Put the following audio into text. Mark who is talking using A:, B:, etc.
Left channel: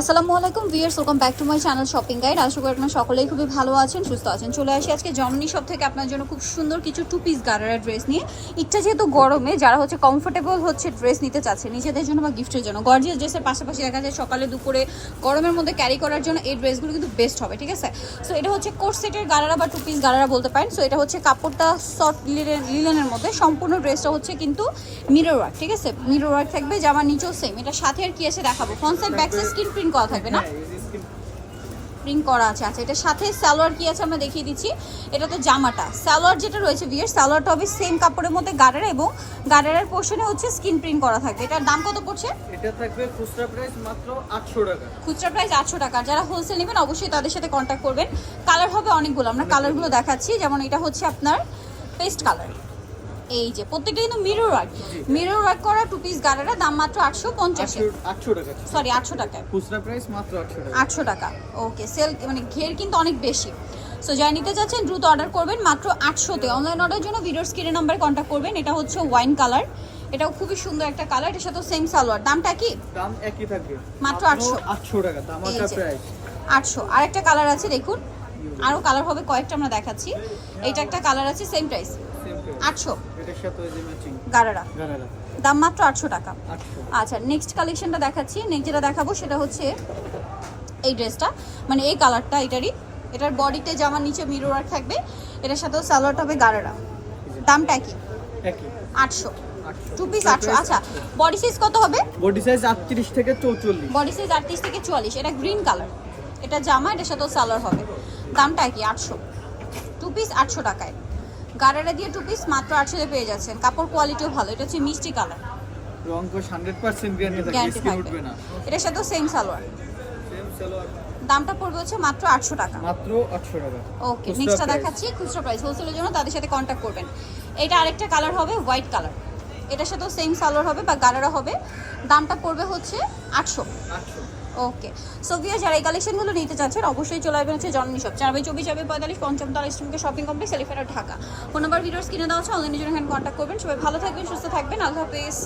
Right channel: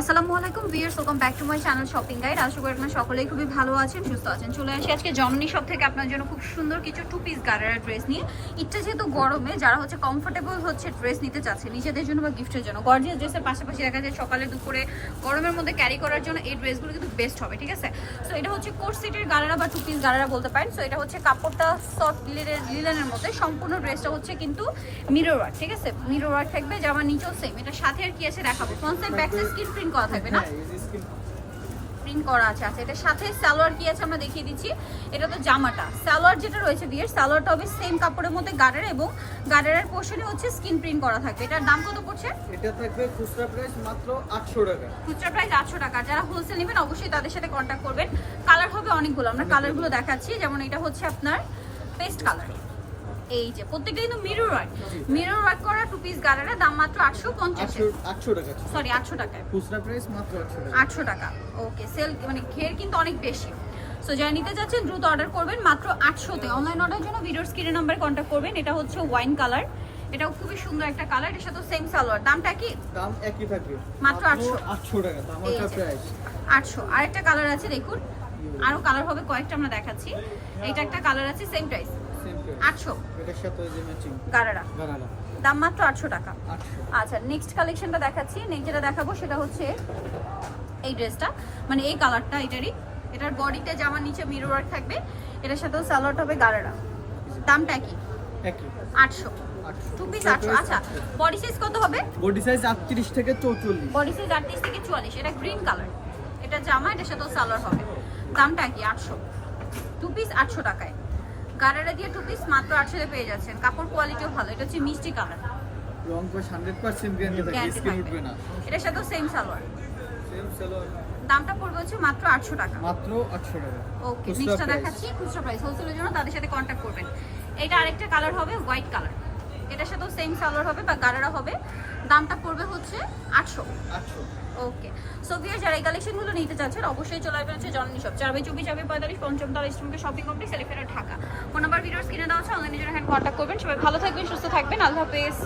A: আসসালামু আলাইকুম viewers welcome back to my channel shopping guide আশা করি আপনারা সকলেই খুবই ভালো আছেন, সুস্থ আছেন। চলে আসি আজকে জমনি শপ থেকে আপনার জন্য খুব সুন্দর কিছু টু পিস গারেরা ড্রেস নিয়ে। ইচ্ছা যেহেতু গরমে, যারা হচ্ছে কমফোর্টেবল হচ্ছে ড্রেস নিতে চাচ্ছে, নিজেদের জন্য বা গিফটের জন্য। গর্জিয়াস ড্রেসের পাশাপাশি দেখা যায় সকালে দুপুরে গরমের মধ্যে ক্যারি করার জন্য এই ড্রেসগুলো কিন্তু বেস্ট হবে, ঠিক আছে? সো এটা হচ্ছে কোর্স সেটের গারারা বা টু পিস গারারা বলতে পারেন। সো এটা হচ্ছে কাপড়টা সফট লিলেনের মধ্যে। সম্পূর্ণ ড্রেসটা হচ্ছে কিন্তু মিরর ওয়ার্ক ঠিক আছে? মিরর ওয়ার্ক থাকবে, জামার নিচেও সেম এটা সাথে আর কি এসে দেখাবো? সাইড ব্যাক স্ক্রিন প্রিন্ট করা থাকবে না?
B: হ্যাঁ,
A: প্রিন্ট করা আছে আচ্ছা এটার সাথে সালোয়ার কি আছে আমরা দেখিয়ে দিচ্ছি। এটা তো জামাটা। সালোয়ার যেটা রয়েছে বিয়ের সালোয়ারটা হবে সেম কাপড়ের মধ্যে গার্ডার এবং গার্ডারের পোর্শনে হচ্ছে স্কিন প্রিন্ট করা থাকবে। এটার দাম কত পড়ছে?
B: এটা থাকবে খুচরা প্রাইস মাত্র আটশো টাকা।
A: খুচরা প্রাইস আটশো টাকা। যারা হোলসেল নেবেন অবশ্যই তাদের সাথে কন্ট্যাক্ট করবেন। কালার হবে অনেকগুলো আমরা কালারগুলো দেখাচ্ছি। যেমন এটা হচ্ছে আপনার পেস্ট কালার এই যে প্রত্যেকটা কিন্তু মিরর ওয়ার্ক। মিরর ওয়ার্ক করা টু পিস গার্ডারের দাম মাত্র আটশো পঞ্চাশ।
B: আটশো আটশো টাকা।
A: সরি আটশো টাকা
B: খুচরা প্রাইস মাত্র আটশো টাকা।
A: আটশো টাকা। ওকে সেল মানে ঘের কিন্তু অনেক বেশি। সো যাই নিতে চাচ্ছেন দ্রুত অর্ডার করবেন মাত্র আটশোতে। অনলাইন অর্ডার জন্য ভিডিওর স্ক্রিনের নাম্বারে কন্ট্যাক্ট করবেন। এটা হচ্ছে ওয়াইন কালার এটাও খুবই সুন্দর একটা কালার এটার সাথে সেম সালোয়ার। দামটা কি?
B: দাম একই থাকবে।
A: মাত্র 800
B: আটশো। টাকা তামাকা
A: এই
B: প্রাইস।
A: আটশো। আর একটা কালার আছে দেখুন। আরও কালার হবে কয়েকটা আমরা দেখাচ্ছি। এইটা একটা কালার আছে সেম প্রাইস আটশো।
B: এটার সাথে যে ম্যাচিং
A: গারারা।
B: গারারা।
A: দাম মাত্র আটশো টাকা। আচ্ছা নেক্সট কালেকশনটা দেখাচ্ছি। নেক্সট যেটা দেখাবো সেটা হচ্ছে এই ড্রেসটা মানে এই কালারটা এটারই। এটার বডিতে জামার নিচে থাকবে এটার সাথেও হবে গারারা। দামটা কি আটশো।
B: আটশো।
A: টু পিস আটশো। আচ্ছা বডি সাইজ কত হবে?
B: বডি সাইজ আটত্রিশ থেকে চৌচল্লিশ।
A: বডি সাইজ আটত্রিশ থেকে চুয়াল্লিশ। এটা গ্রিন কালার এটা জামা এটার সাথেও সালোয়ার হবে। দামটা কি? আটশো। টু পিস আটশো টাকায়। গারারা দিয়ে টু পিস মাত্র আটশোতে পেয়ে যাচ্ছেন। কাপড় কোয়ালিটিও ভালো। এটা হচ্ছে মিষ্টি কালার
B: রং কোশ হান্ড্রেড পার্সেন্ট গ্যারান্টি থাকবে স্কিন উঠবে না।
A: এটার সাথেও সেম সালোয়ার।
B: সেম সালোয়ার।
A: দামটা পড়বে হচ্ছে মাত্র আটশো টাকা।
B: মাত্র আটশো টাকা।
A: ওকে নেক্সটটা দেখাচ্ছি। খুচরা প্রাইস হোলসেলের জন্য তাদের সাথে করবেন। এটা আরেকটা কালার হবে হোয়াইট কালার এটার সাথেও সেম সালোয়ার হবে বা গারারা হবে। দামটা পড়বে হচ্ছে ওকে সো ভিয়ার যারা এই কালেকশনগুলো নিতে চাচ্ছেন, অবশ্যই চলে আসবেন হচ্ছে জননী শপ চার বাই চব্বিশ চার পঁয়তাল্লিশ, পঞ্চম তার ইস্টমকে shopping complex elephant Dhaka. Phone number videos কিনে দেওয়া হচ্ছে অনলাইনের জন্য এখানে কন্ট্যাক্ট করবেন। সবাই ভালো থাকবেন, সুস্থ থাকবেন। আল্লাহ হাফেজ।